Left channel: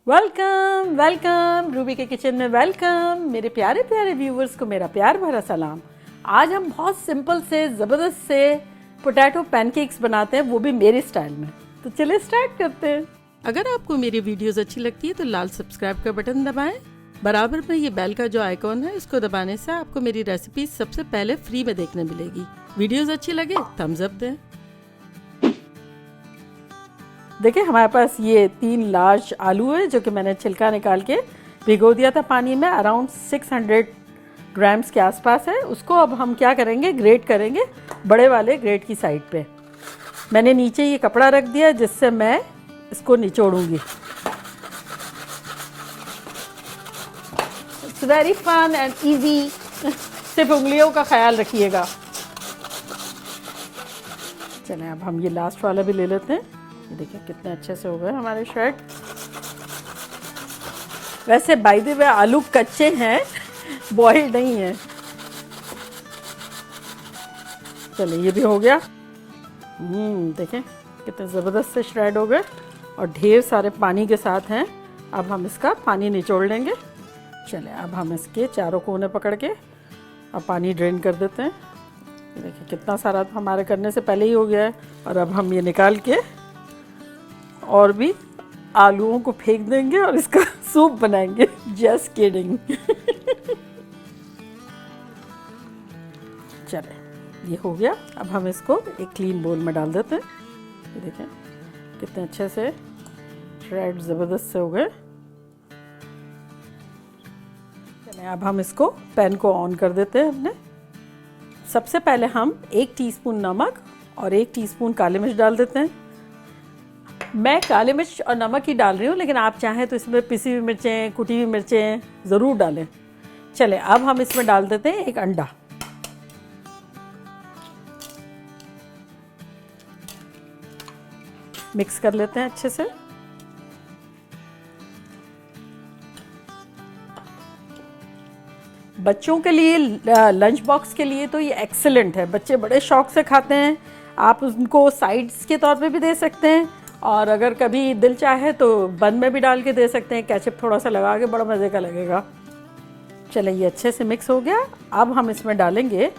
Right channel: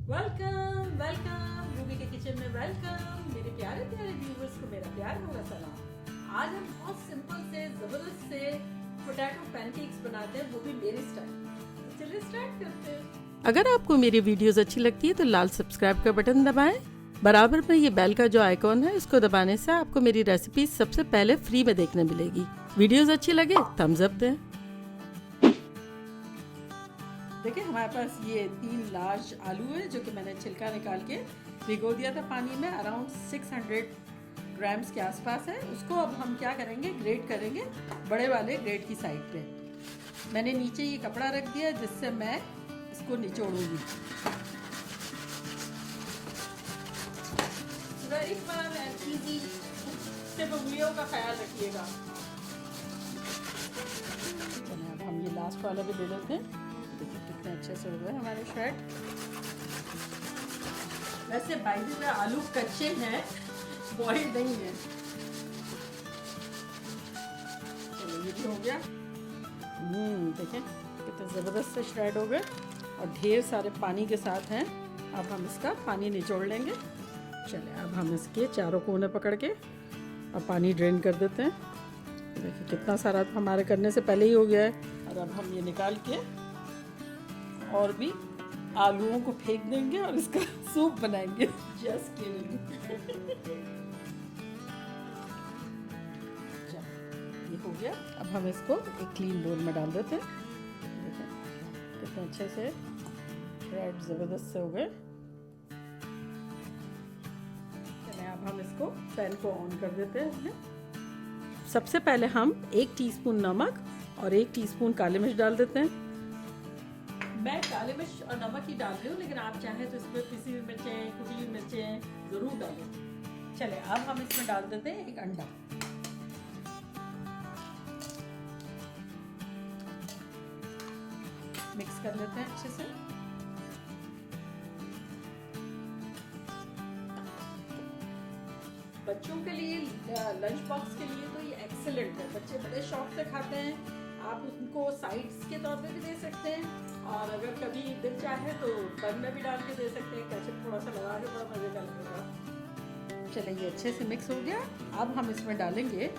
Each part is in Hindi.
वेलकम वेलकम रूबी के किचन में वेलकम। मेरे प्यारे प्यारे व्यूवर्स को मेरा प्यार भरा सलाम। आज हम बहुत सिंपल से ज़बरदस्त से पोटैटो पैनकेक्स बनाते हैं, वो भी मेरे स्टाइल में। तो चलिए स्टार्ट करते हैं। अगर आपको मेरी वीडियोस अच्छी लगती है तो लाल सब्सक्राइब का बटन दबाएं। बराबर में ये बेल का जो आइकॉन है, इसको दबाने से आपको मेरी रेसिपी सबसे पहले फ्री में देखने मिलेगी। वीडियोस अच्छी लगे थम्स अप दें। देखिए हमारे पास ये 3 लार्ज आलू है जो कि मैंने छिलका निकाल के भिगो दिया था पानी में। अराउंड 600 ग्राम्स के आसपास है। उसको अब हम क्या करेंगे, ग्रेट करेंगे बड़े वाले ग्रेट की साइड पे। मैंने नीचे ये कपड़ा रख दिया जिससे मैं इसको निचोड़ूंगी। It's very fun and easy. सिर्फ उंगलियों का ख्याल रखिएगा। चलें अब हम ये लास्ट वाला भी ले लेते हैं। देखिए कितने अच्छे से हो गए हमारे शर्ट। वैसे बाय द वे आलू कच्चे हैं, बॉइल्ड नहीं है। चलिए ये भी हो गया। देखें कितने ज़बरदस्त से श्रेड हो गए और ढेर सारे पानी के साथ हैं। अब हम इसका पानी निचोड़ लेंगे। चलिए अब हम इसके चारों कोने पकड़ के अब पानी ड्रेन कर देते हैं। देखिए कितना सारा हमारे करने से पहले ही हो गया है। और अब हम ये निकाल के और भी आलूओं को फेंक देंगे और इसका सूप बनाएंगे। Just kidding. चले ये हो गया। अब हम इसको एक क्लीन बोल में डाल देते हैं। देखें कितने अच्छे से श्रेड ज़बरदस्त से हो गए। अब हम इसको पैन को ऑन कर देते हैं अपने। सबसे पहले हम 1 टीस्पून नमक और 1 टीस्पून काली मिर्च डाल देते हैं। मैं काली मिर्च और नमक ही डाल रही हूँ, लेकिन आप चाहें तो इसमें पिसी हुई मिर्चें, कुटी हुई मिर्चें ज़रूर डालें। चलें अब हम इसमें डाल देते हैं 1 अंडा। मिक्स कर लेते हैं अच्छे से। बच्चों के लिए लंच बॉक्स के लिए तो ये एक्सीलेंट है। बच्चे बड़े शौक से खाते हैं। आप उनको साइड्स के तौर पे भी दे सकते हैं और अगर कभी दिल चाहे तो बन में भी डाल के दे सकते हैं। केचप थोड़ा सा लगा के, बड़ा मज़े का लगेगा। चलिए ये अच्छे से मिक्स हो गया। अब हम इसमें डालेंगे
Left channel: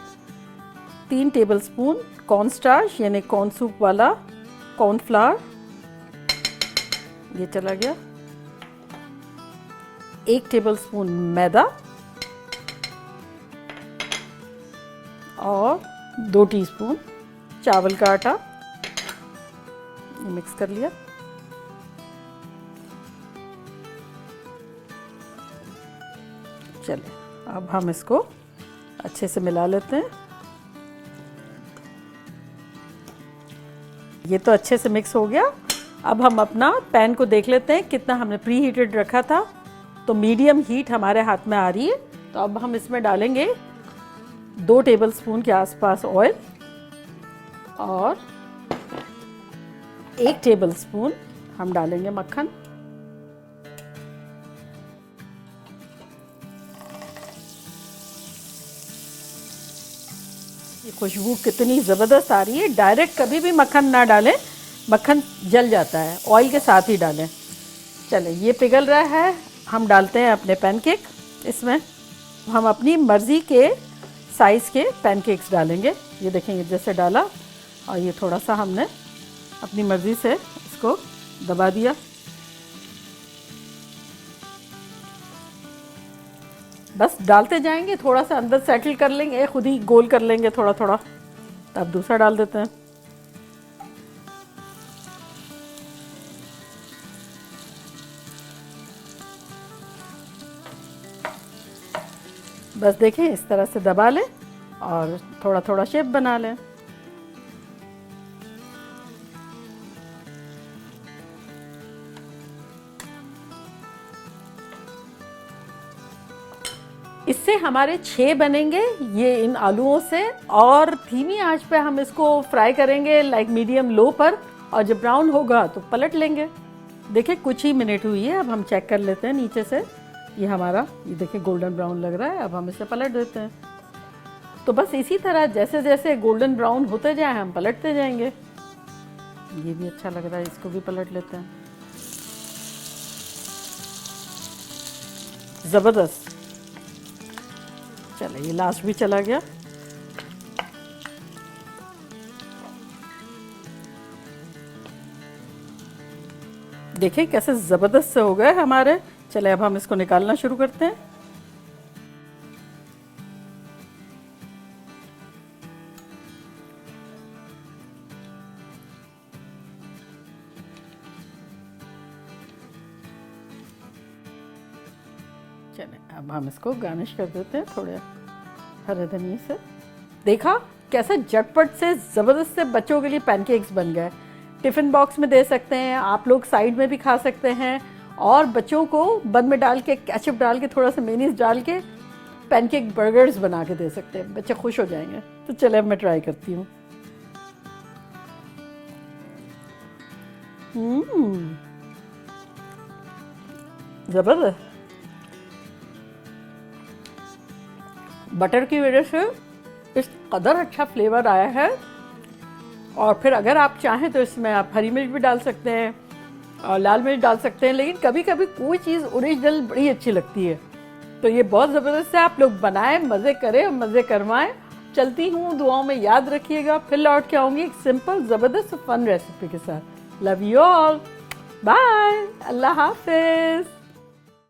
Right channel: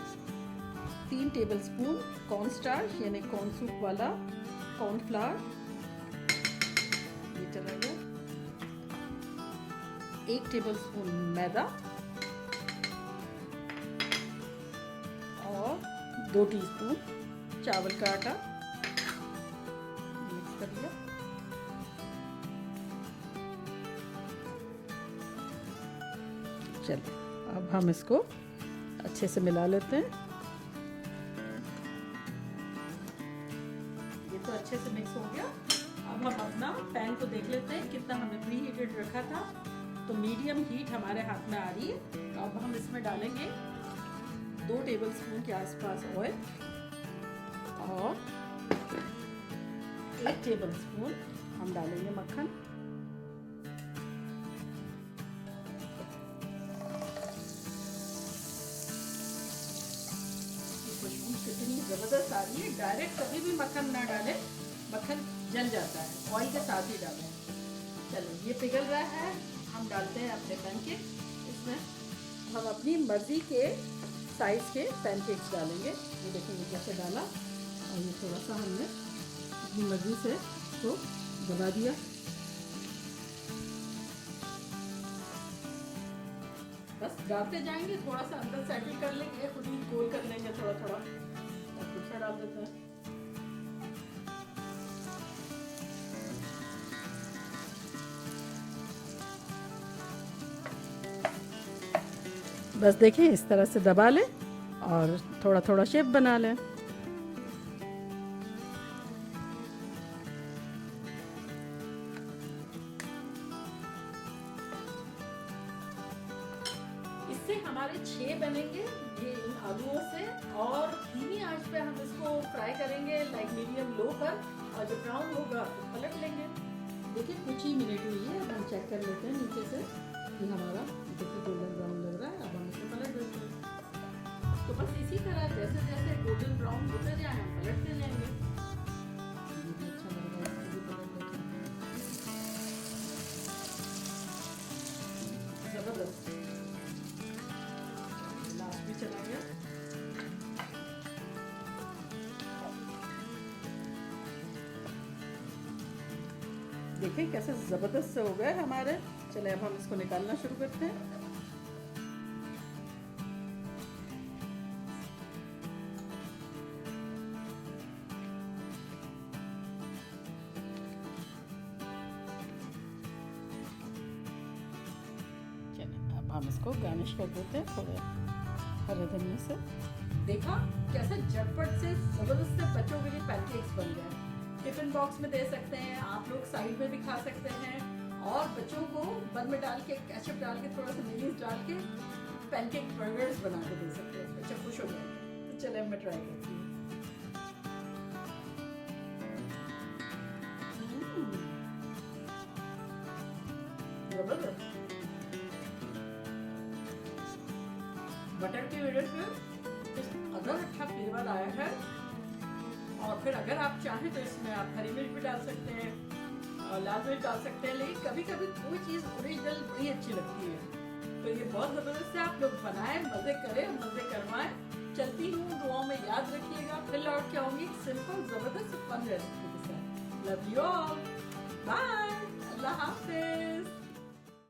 3 टेबलस्पून कॉर्न स्टार्च यानी कॉर्न सूप वाला कॉर्नफ्लावर। ये चला गया। 1 टेबलस्पून मैदा और 2 टीस्पून चावल का आटा। मिक्स कर लिया। चलिए अब हम इसको अच्छे से मिला लेते हैं। ये तो अच्छे से मिक्स हो गया। अब हम अपना पैन को देख लेते हैं कितना हमने प्री हीटेड रखा था। तो मीडियम हीट हमारे हाथ में आ रही है। तो अब हम इसमें डालेंगे 2 टेबलस्पून के आसपास ऑयल और 1 टेबलस्पून हम डालेंगे मक्खन। ये खुशबू कितनी ज़बरदस्त आ रही है। डायरेक्ट कभी भी मक्खन ना डालें, मक्खन जल जाता है। ऑयल के साथ ही डालें। चलें ये पिघल रहा है। हम डालते हैं अपने पैनकेक इसमें। हम अपनी मर्ज़ी के साइज़ के पैनकेक्स डालेंगे। ये देखेंगे जैसे डाला और ये थोड़ा सा हमने अपनी मर्ज़ी से इसको दबा दिया। बस डालते जाएंगे, थोड़ा सा अंदर सेटल कर लेंगे, खुद ही गोल कर लेंगे थोड़ा थोड़ा। अब दूसरा डाल देते हैं। बस देखें इस तरह से दबा लें और थोड़ा थोड़ा शेप बना लें। इससे हमारे 6 बनेंगे ये इन आलूओं से। और धीमी आंच पे हम इसको फ्राई करेंगे, लाइक मीडियम लो पर। और जब ब्राउन होगा तो पलट लेंगे। देखिए कुछ ही मिनट हुई है। अब हम चेक कर लेते हैं नीचे से। ये हमारा ये देखिए गोल्डन ब्राउन लग रहा है। अब हम इसे पलट देते हैं। तो बस इसी तरह जैसे जैसे गोल्डन ब्राउन होते जाए हम पलटते जाएंगे। ये भी अच्छा लग रहा है, इसको भी पलट लेते हैं। ज़बरदस्त। चलो ये लास्ट भी चला गया। देखिए कैसे ज़बरदस्त से हो गए हमारे। चले अब हम इसको निकालना शुरू करते हैं। चले अब हम इसको गार्निश कर देते हैं थोड़े हरे धनिए से। देखा कैसे झटपट से ज़बरदस्त से बच्चों के लिए पैनकेक्स बन गए। टिफ़िन बॉक्स में दे सकते हैं, आप लोग साइड में भी खा सकते हैं, और बच्चों को बन में डाल के केचप डाल के थोड़ा सा मेयोनीज डाल के पैनकेक बर्गर्स बना के दे सकते हैं। बच्चे खुश हो जाएंगे। तो चले अब मैं ट्राई करती हूँ। ज़बरदस्त। बटर की वजह से इस कदर अच्छा फ्लेवर आया है। और फिर अगर आप चाहें तो इसमें आप हरी मिर्च भी डाल सकते हैं और लाल मिर्च डाल सकते हैं, लेकिन कभी कभी कोई चीज़ ओरिजिनल बड़ी अच्छी लगती है। तो ये बहुत ज़बरदस्त है। आप लोग बनाएं, मज़े करें और मज़े करवाएं। चलती हूँ, दुआओं में याद रखिएगा। फिर लौट के आऊँगी एक सिंपल ज़बरदस्त फन रेसिपी के साथ। लव यू ऑल, बाय, अल्लाह हाफिज़।